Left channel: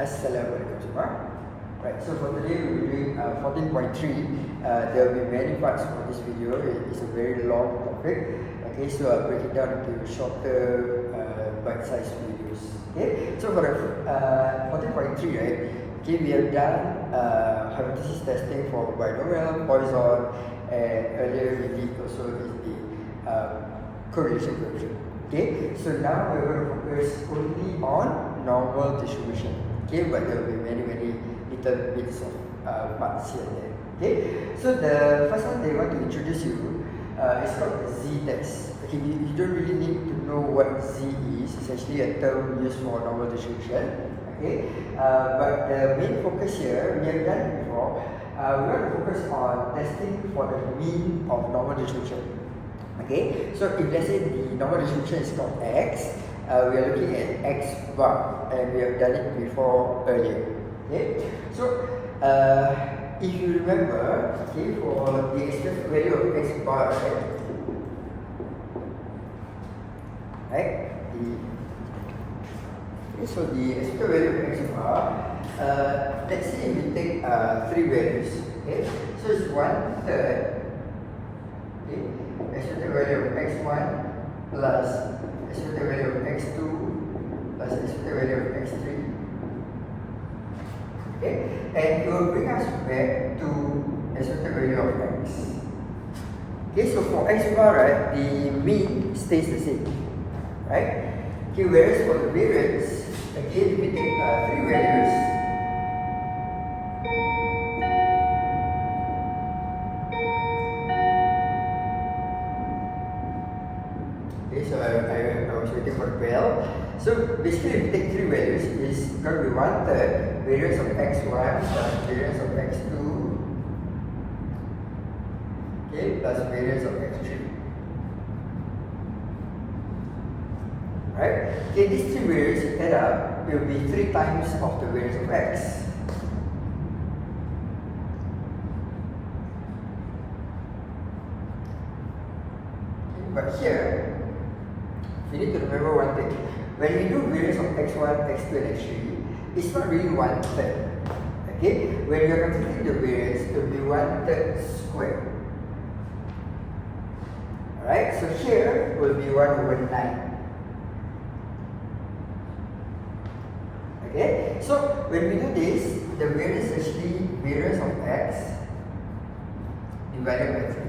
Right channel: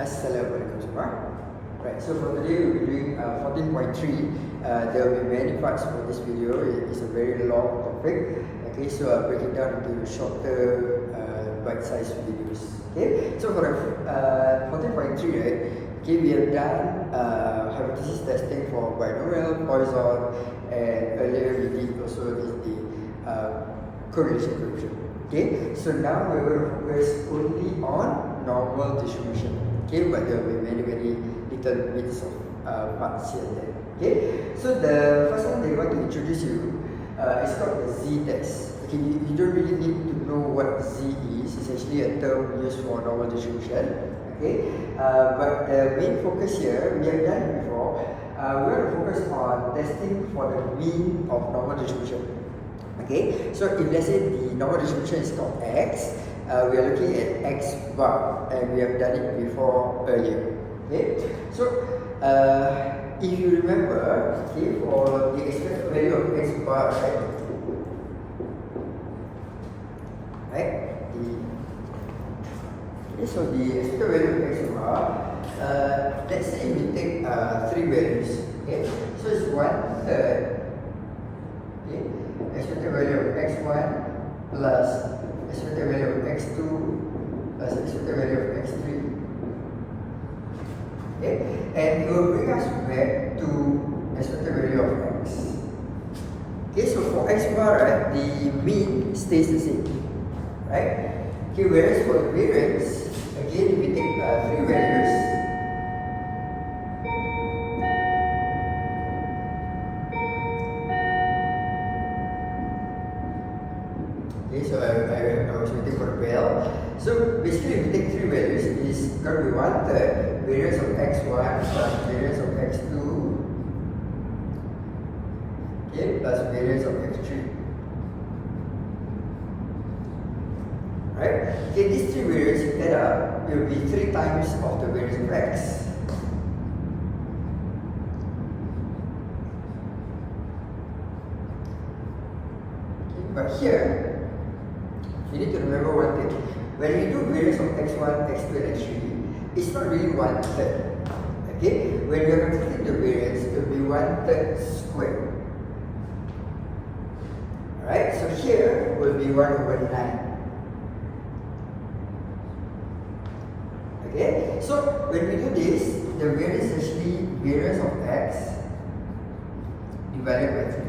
Assalamualaikum semua. Right, so for today we'll be doing 14.3. There will be many parts for this video. It's a very long topic. Okay, so I'll break it down into shorter bite-sized videos. Okay, so for the 14.3, right? Okay, we have done hypothesis testing for binomial, Poisson, and earlier we did also the correlation coefficient. Okay, so now we're going to focus only on normal distribution. Okay, but there will be many little bits of parts here and there. Okay, so the first one they want to introduce you is called the z-test. Okay, you don't really need to know what z is. It's actually a term used for normal distribution. Okay, but the main focus here, we have done it before. We want to focus on testing for the mean of normal distribution. Okay, so if let's say the normal distribution is called x, we are looking at x bar, and we have done it before earlier. Okay, so if you remember, okay, for the expected value of x bar, right? Okay, so the expected value of x bar, let's say we take three values. Okay, so it's 1/3. Okay, expected value of x1 plus expected value of x2 plus expected value of x3. Okay, and it will bring us back to expected value of x. Okay, so for x bar, right, the mean stays the same, right? Okay, whereas for the variance, again we take three values. Okay, so I was waiting for the bell. So basically, if we take three values, it's going to be 1/3 variance of x1 plus variance of x2, okay, plus variance of x3. Right? Okay, these three variants add up, it will be 3 times of the variance of x. Okay, but here, you need to remember one thing. When we do variance of x1, x2, and x3, it's not really 1/3. Okay? When we are computing the variance, it will be 1/3 squared. Alright? So here will be 1/9. Okay? So when we do this, the variance is actually variance of x divided by 3.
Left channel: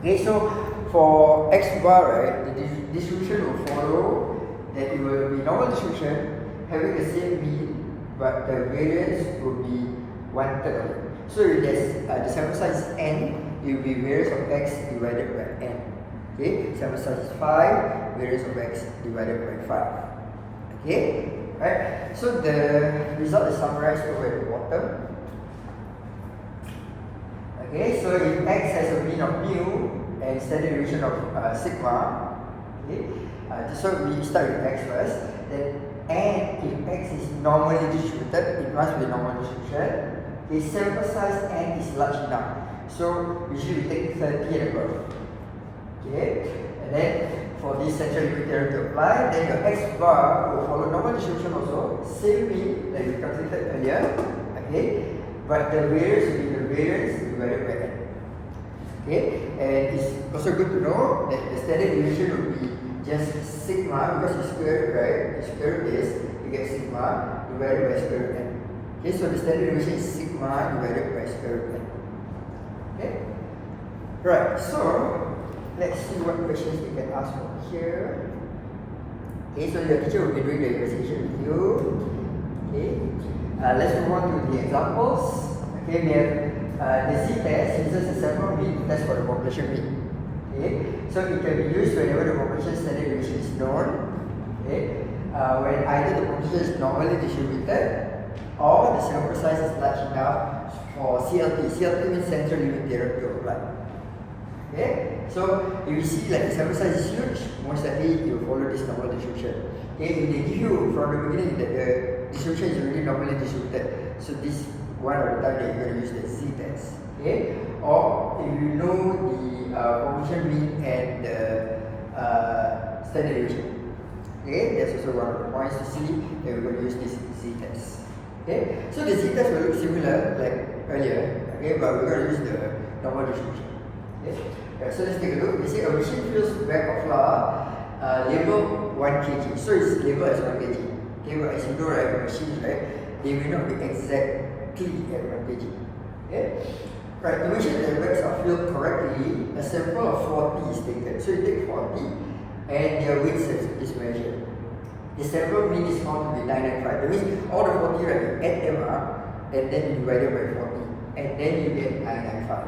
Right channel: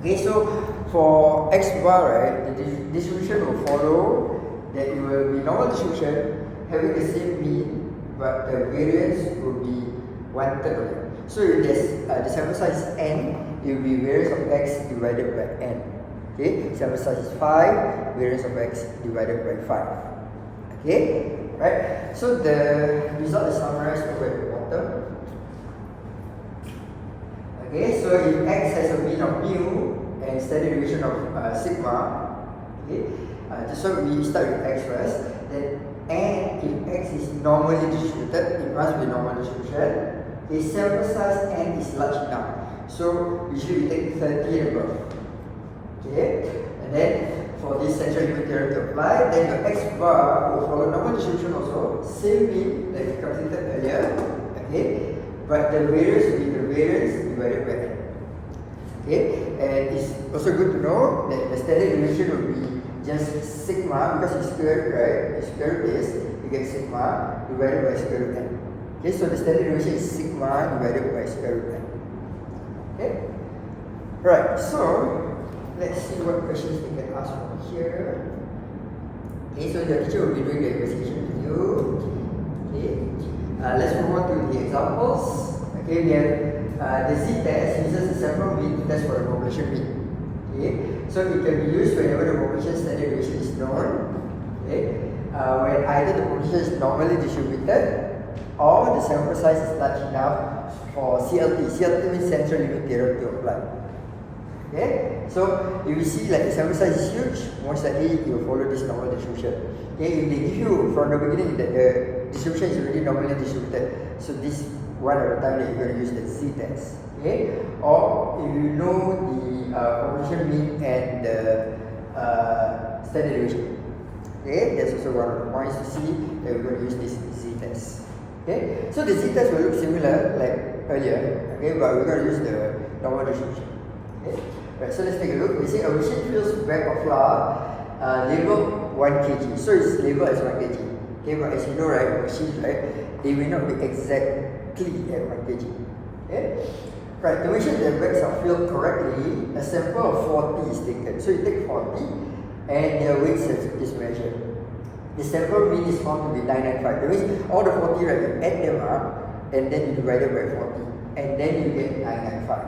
Okay, so for x bar, right, the distribution will follow that it will be normal distribution having the same mean, but the variance will be 1/3 of it. So if there's the sample size is n, it will be variance of x divided by n. Okay, sample size is 5, variance of x divided by 5. Okay, right? So the result is summarized over at the bottom. Okay, so if x has a mean of mu and standard deviation of sigma, okay, so we start with x first, then and if x is normally distributed, it must be normal distribution. The sample size n is large enough, so usually we take 30 and above. Okay, and then for this central limit theorem to apply, then your x bar will follow normal distribution also, same mean that we calculated earlier. Okay, but the variance will be the variance divided by n. Okay, and it's also good to know that the standard deviation will be just sigma, because it's square root, right? It's square root base, you get sigma divided by square root n. Okay, so the standard deviation is sigma divided by square root n. Okay, right, so let's see what questions we can ask from here. Okay, so your teacher will be doing the investigation with you. Okay, let's move on to the examples. Okay, we have the z-test uses a sample mean test for the population mean. Okay, so it can be used whenever the population standard deviation is known. Okay, when either the population is normally distributed or the sample size is large enough for CLT. CLT means central limit theorem to apply. Okay, so if you see like the sample size is huge, most likely you will follow this normal distribution. Okay, if they give you from the beginning that the distribution is already normally distributed, so this one of the time that you're going to use the z-test. Okay, or if you know the population mean and the standard deviation. Okay, that's also one of the points to see that we're going to use this z-test. Okay, so the z-test will look similar like earlier, okay, but we're going to use the normal distribution. Okay, right, so let's take a look. We say a machine fills a bag of flour labeled 1 kg. So it's labeled as 1 kg. Okay, but as you know, right, machines, right, they may not be exactly at 1 kg. Okay, right, to make sure that the bags are filled correctly, a sample of 40 is taken. So you take 40 and their weight is measured. The sample mean is found to be 995. That means all the 40, right, you add them up and then you divide it by 40 and then you get 995.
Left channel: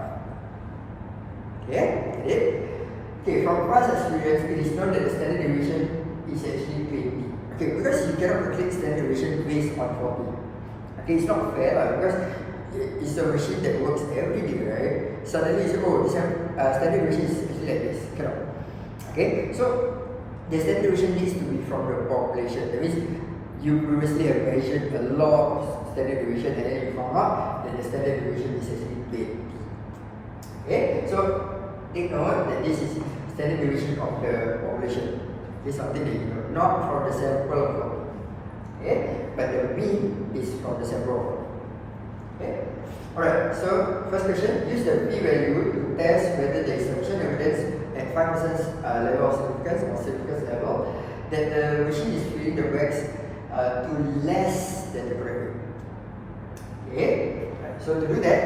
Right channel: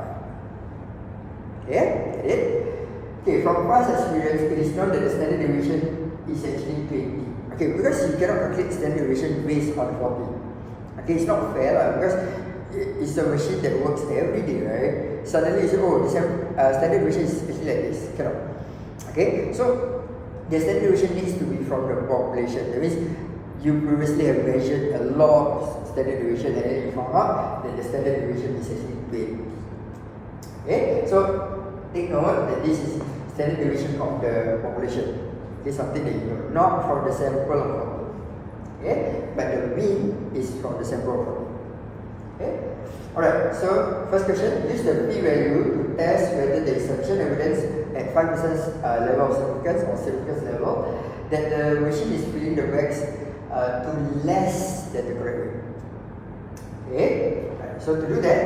Yeah, get it? Okay, from past experience, it is known that the standard deviation is actually 20. Okay, because you cannot calculate standard deviation based on 40. Okay, it's not fair because it's a machine that works every day, right? Suddenly you say, oh, this standard deviation is actually like this. Cannot. Okay, so the standard deviation needs to be from the population. That means you previously have measured a lot of standard deviation and then you found out that the standard deviation is actually 20. Okay, so take note that this is standard deviation of the population. Okay, something that you know, not from the sample of 40. Okay, but the mean is from the sample of 40. Okay, alright, so first question, use the p-value to test whether there is sufficient evidence at 5% level of significance or significance level that the machine is filling the bags to less than the correct weight. Okay, right, so to do that,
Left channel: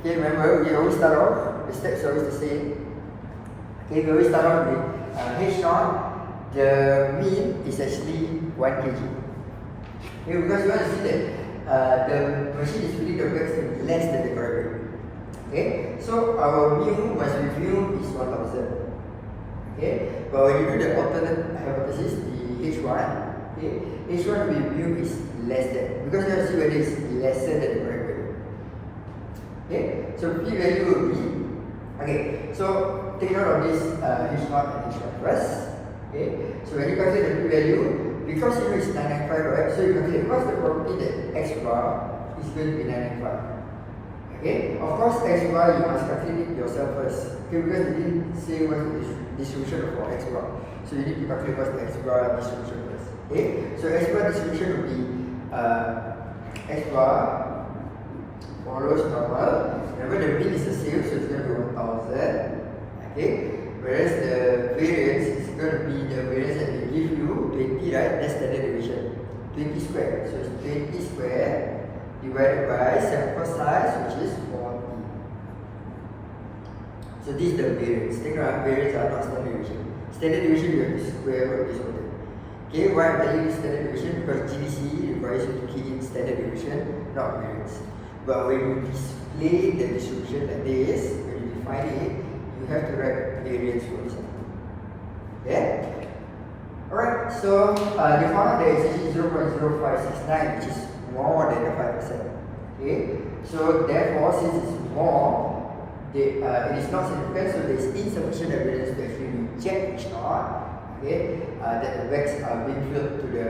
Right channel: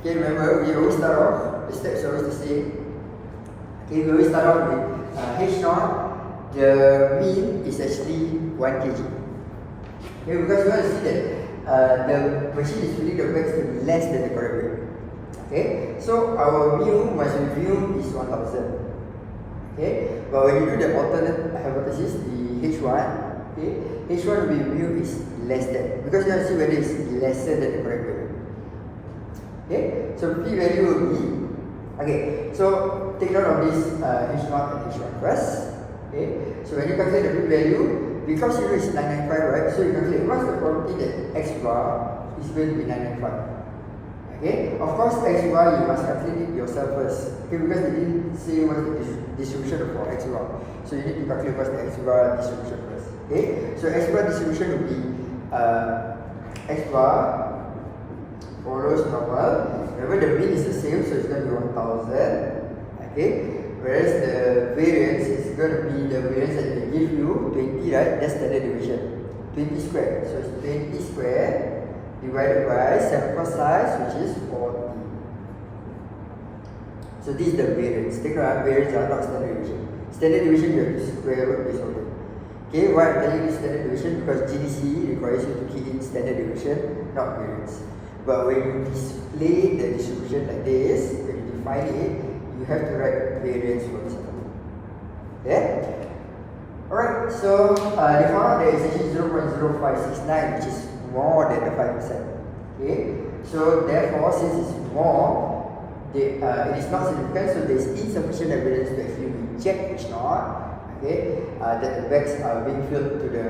okay, remember we always start off, the steps are always the same. Okay, we always start off with H0, the mean is actually 1 kg. Okay, because you want to see that the machine is filling the bags to be less than the correct weight. Okay, so our mu must be mu is 1000. Okay, but when you do the alternate hypothesis, the H1, okay, H1 will be mu is less than, because you want to see whether it's lesser than the correct weight. Okay, so p value will be, okay, so take note of this H0 and H1 first. Okay, so when you calculate the p value, because you know it's 995, right? So you calculate what's the probability that x bar is going to be 995. Okay, of course x bar you must calculate it yourself first. Okay, because we didn't say what's the distribution for x bar, so you need to calculate what's the x bar distribution first. Okay, so x bar distribution will be x bar follows normal. Remember the mean is the same, so it's going to be 1000. Okay, whereas the variance is going to be the variance that they give you 20, right? That's standard deviation, 20 squared. So it's 20 squared divided by sample size, which is 40. So this is the variance. Take note, variance are not standard deviation. Standard deviation you have to square root this whole thing. Okay, why am I using standard deviation? Because GDC requires you to key in standard deviation, not variance. But when you display the distribution like this, when you define it, you have to write variance for example. Okay? Alright, so you found out there is actually 0.0569, which is more than the 5%. Okay? So therefore, since it's more, it is not significant, so there is insufficient evidence to actually reject H0. Okay? That the bags are being filled to the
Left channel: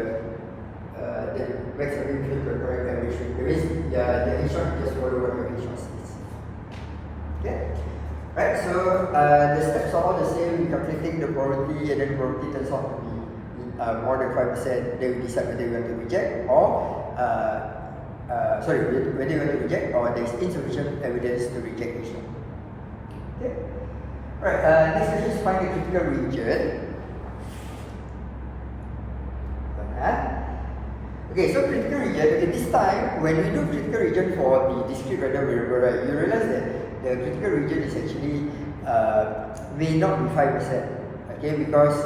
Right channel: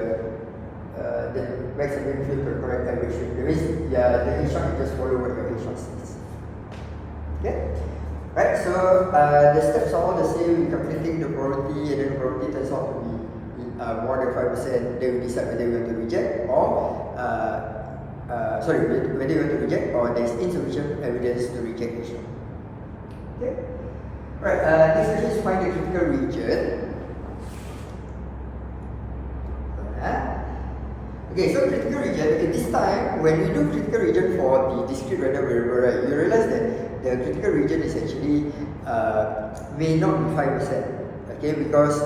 correct average. That means the H0 just follow what your H0 says. Okay? Right, so the steps are all the same. We're calculating the probability, and then the probability turns out to be more than 5%. Then we decide whether we want to reject or whether we want to reject or there is insufficient evidence to reject H0. Okay? Right, next question is find the critical region. Okay, so critical region, okay, this time when we do critical region for the discrete random variable, right, you realize that the critical region is actually may not be 5%, okay, because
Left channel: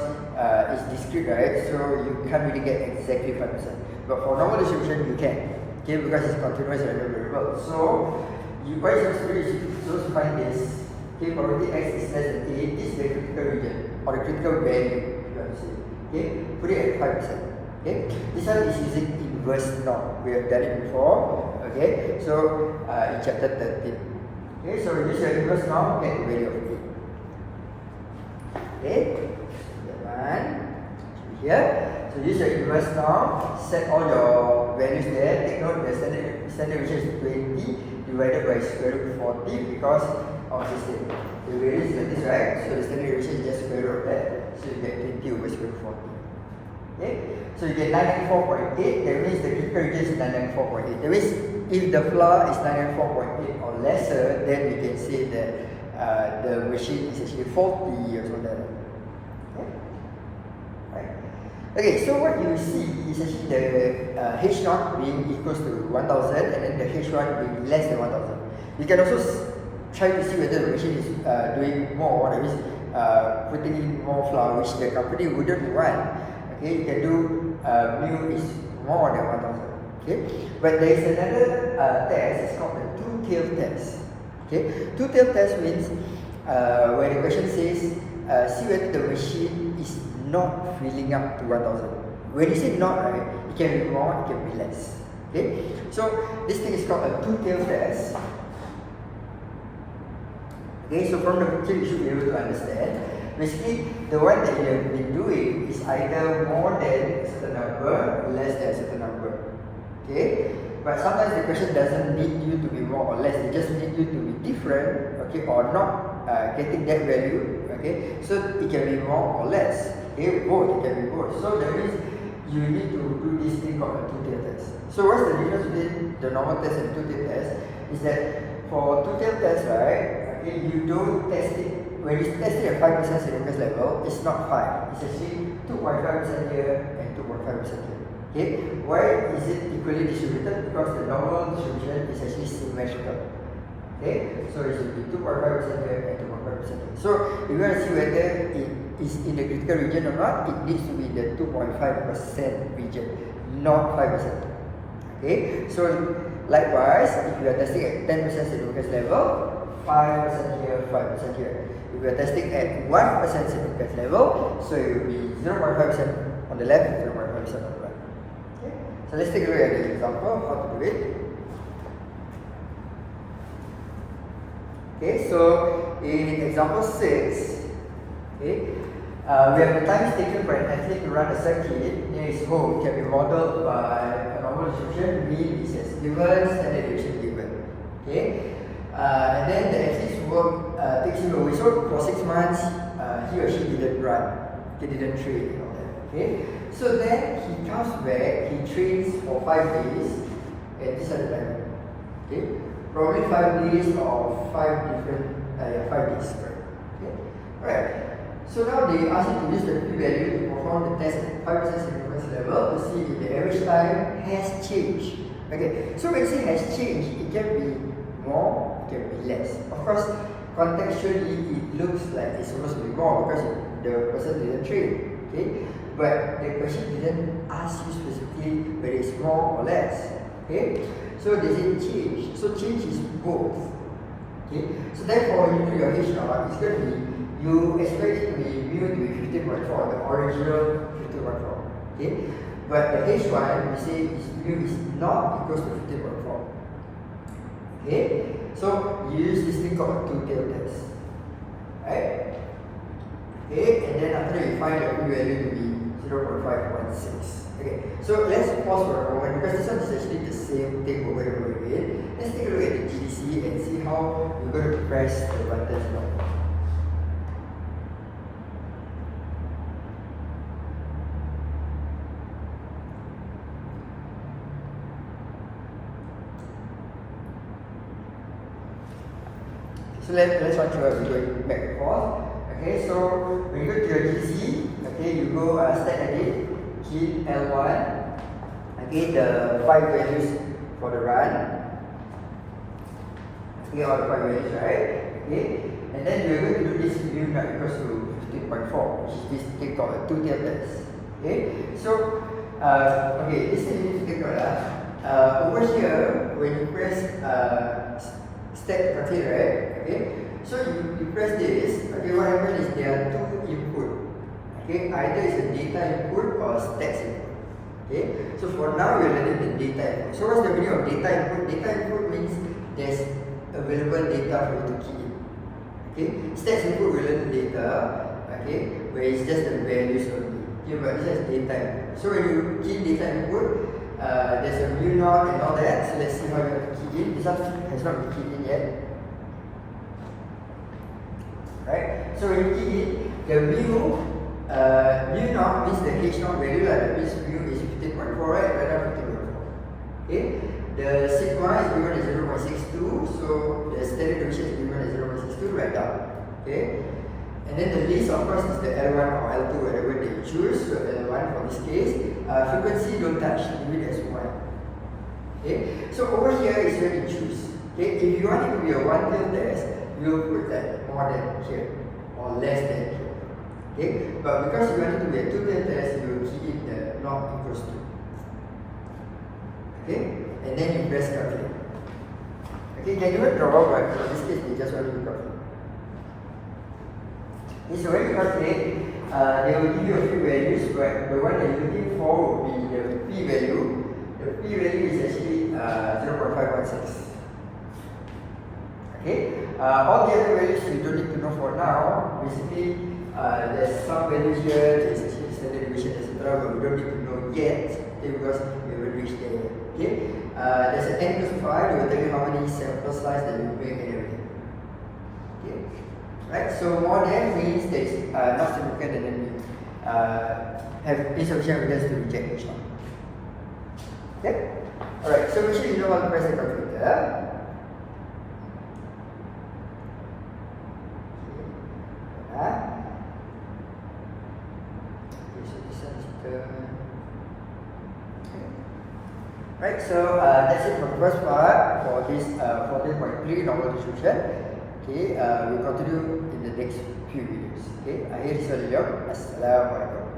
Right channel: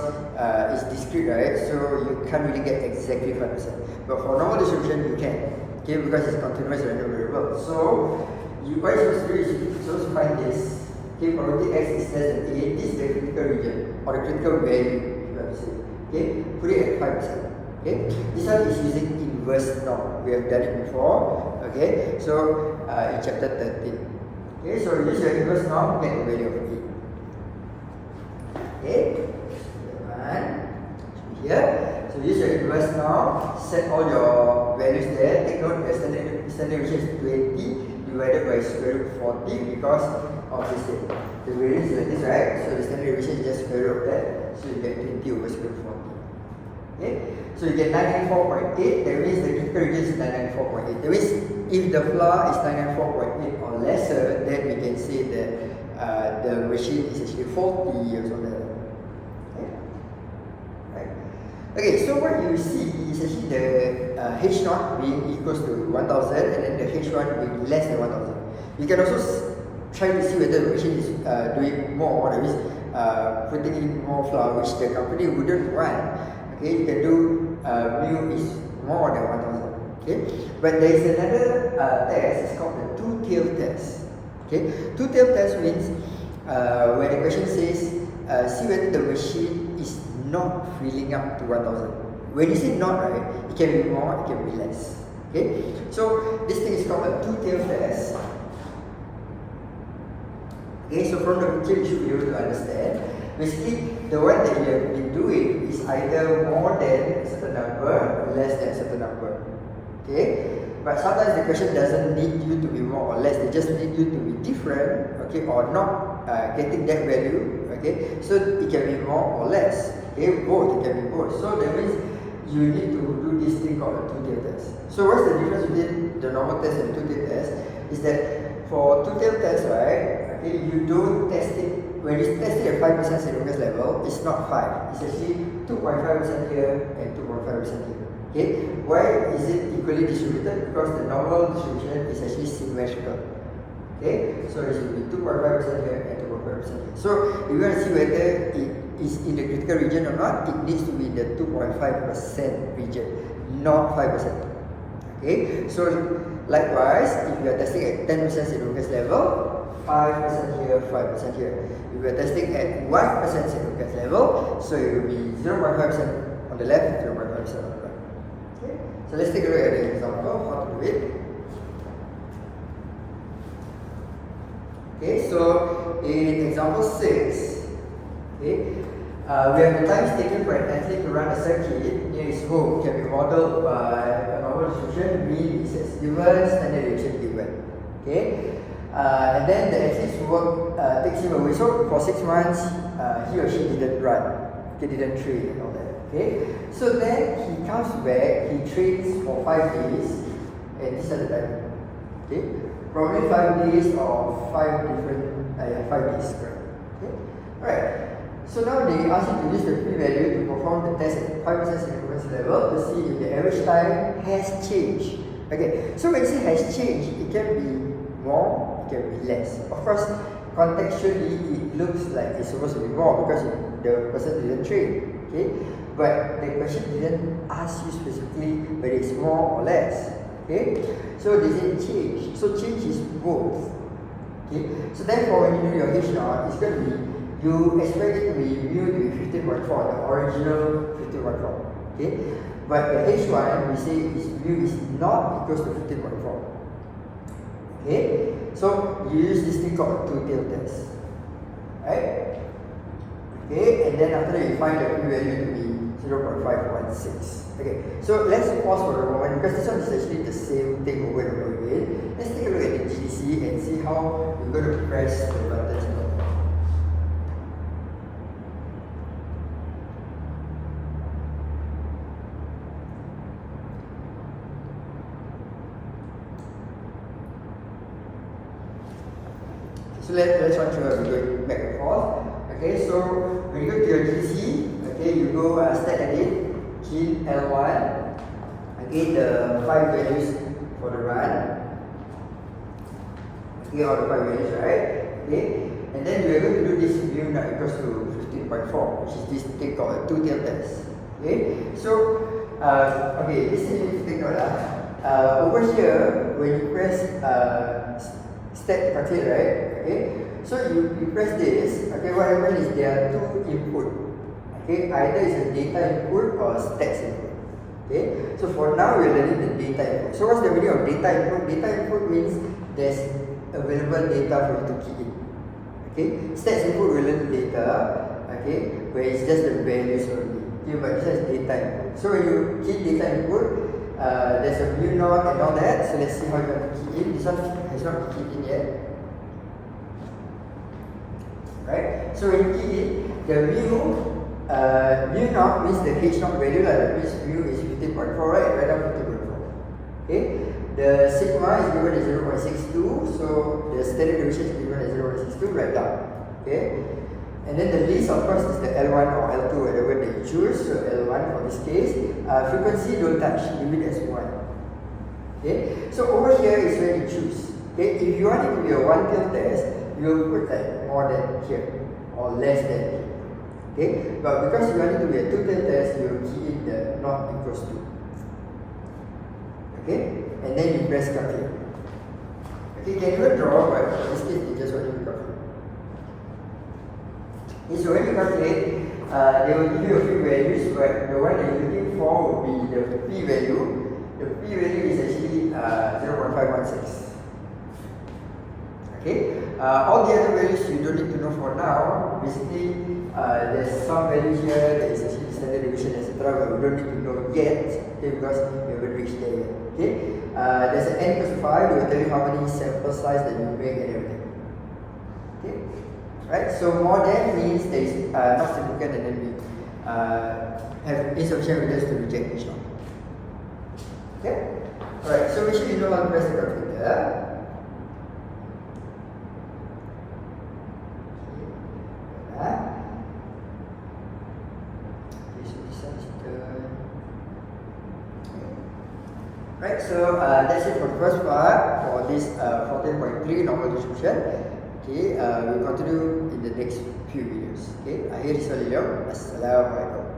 it's discrete, right, so you can't really get exactly 5%. But for normal distribution, you can, okay, because it's continuous random variable. So what you're supposed to do is you're supposed to find this, okay, probability x is less than a, this is the critical region, or the critical value, if you want to say, okay, put it at 5%. Okay, this one is using inverse norm. We have done it before. Okay, so in chapter 13. Okay, so use your inverse norm, get the value of a. Okay, here. So use your inverse norm, set all your values there. Take note the standard deviation is 20 divided by square root 40 because of this thing. The variance is like this, right? So the standard deviation is just square root of that. So you get 20 over square root 40. Okay, so you get 994.8, that means the critical region is 994.8. That means if the flour is 994.8 or lesser, then we can say that the machine is actually faulty or something like that. Okay? Right. Okay, so what you see is actually the H0 being equals to 1000 and then the H1 being less than 1000. You can also try to see whether the machine is doing more, that means putting in more flour, which the company wouldn't want. Okay, you can do mu is more than 1000. Okay, but there is another test. It's called the two-tailed test. Okay, two-tailed test means when the question says see whether the machine is not filling up to 1000. When you say not, right, it can be more, it can be less. Okay, so this thing is called a two-tailed test. Okay, so from the picture you should be able to understand. Basically, the one that you have been doing is either more than a certain number, less than a certain number. Okay, but sometimes the question doesn't need you to be more or less. They just need you to be different, okay, or not getting that value. Okay, so it can be more or less. Okay, both, it can be both. So that means you need to do this thing called a two-tailed test. So what's the difference between the normal test and the two-tailed test? Is that for two-tailed test, right? Okay, you don't test it. When you test it at 5% Saint-Lucas level, it's not 5. It's actually 2.5% here and 2.5% here. Okay, why is it equally distributed? Because the normal distribution is actually symmetrical. Okay, so it should be 2.5% here and 2.5% here. So if you want to see whether it is in the critical region or not, it needs to be in the 2.5% region, not 5%. Okay, so likewise, if you are testing at 10% Saint-Lucas level, 5% here, 5% here. If we are testing at 1% Saint-Lucas level, so it will be 0.5% on the left and 0.5% on the right. Okay, so let's take a look at the example, how to do it. Okay, so in example 6, okay, we have the times taken for an athlete to run a circuit near his home can be modeled by a normal distribution, mean is as given, standard deviation given. Okay. And then the athlete's work takes him away. So for 6 months, he or she didn't run, he didn't train and all that. Okay, so then he comes back, he trains for 5 days, and this is the time. Okay, probably 5 days or 5 different, 5 days, right? Okay, alright. So now they ask you to use the p-value to perform the test at 5% Saint-Lucas level to see if the average time has changed. Okay, so when you say has changed, it can be more, it can be less. Of course, contextually it looks like it's supposed to be more because the person didn't train. Okay, but the question didn't ask you specifically whether it's more or less. Okay, so they say change. So change is both. Okay, so therefore when you do your H0, it's going to be, you expect it to be mu to be 15.4, the original 15.4. Okay, but the H1 we say is mu is not equals to 15.4. Okay, so you use this thing called two-tailed test, right? Okay, and then after that you find the p-value to be 0.516. Okay, so let's pause for a moment because this one is actually the same thing over and over again. Let's take a look at the GDC and see how you're going to press the buttons now. So let's run through we're going back and forth. Okay, so when you go to your GC, okay, you go stack edit, key L1, okay, the 5 values for the run. Okay, all the 5 values, right? Okay, and then we are going to do this mu not equals to 15.4, which is this thing called a two-tailed test. Okay, so okay, this thing you need to take note. Over here, when you press stack calculate, right? Okay, so you press this. Okay, what happens is there are 2 input. Okay, either it's a data input or stats input. Okay, so for now we're learning the data input. So what's the meaning of data input? Data input means there's available data for you to key in. Okay, stats input will learn data. Okay, where it's just the values only. Okay, but it's just data input. So when you key data input, there's a mu naught and all that. So let's see how you have to key in. This one has not been keyed in yet. Right? So when you key in, the mu mu naught means the h naught value, like that means mu is 15.4, right? Write down 15.4. Okay. The sigma is given as 0.62, so the standard deviation is given as 0.62, write down. Okay. And then the least, of course, is the L1 or L2, whatever they choose. So L1 for this case, frequency don't touch, leave it as 1. Okay. So over here is where you choose. Okay. If you want it to be a one-tail test, you will put that more than here or less than here. Okay. But because you want it to be a two-tail test, you will key in the not equals to. Okay. And then you press calculate. Okay. You can even draw, but in this case, we just want to calculate. Okay, so when you calculate, they will give you a few values, but the one that you're looking for will be the p-value. The p-value is actually 0.516. Okay, all the other values you don't need to know for now. Basically, there's some values here, there's actually standard deviation, etc., but we don't need to know yet, okay, because we haven't reached there yet. Okay, there's an n equals to 5, it will tell you how many sample size that you make and everything. Okay. Right, so more than means there is not significant, and then we have insufficient evidence to reject each one. Okay? Alright, so make sure you know how to press the calculator. Okay, so this one is the... Right, so that's it for the first part for this 14.3 normal distribution. Okay, we'll continue in the next few videos. Okay, akhir sekali, Assalamualaikum.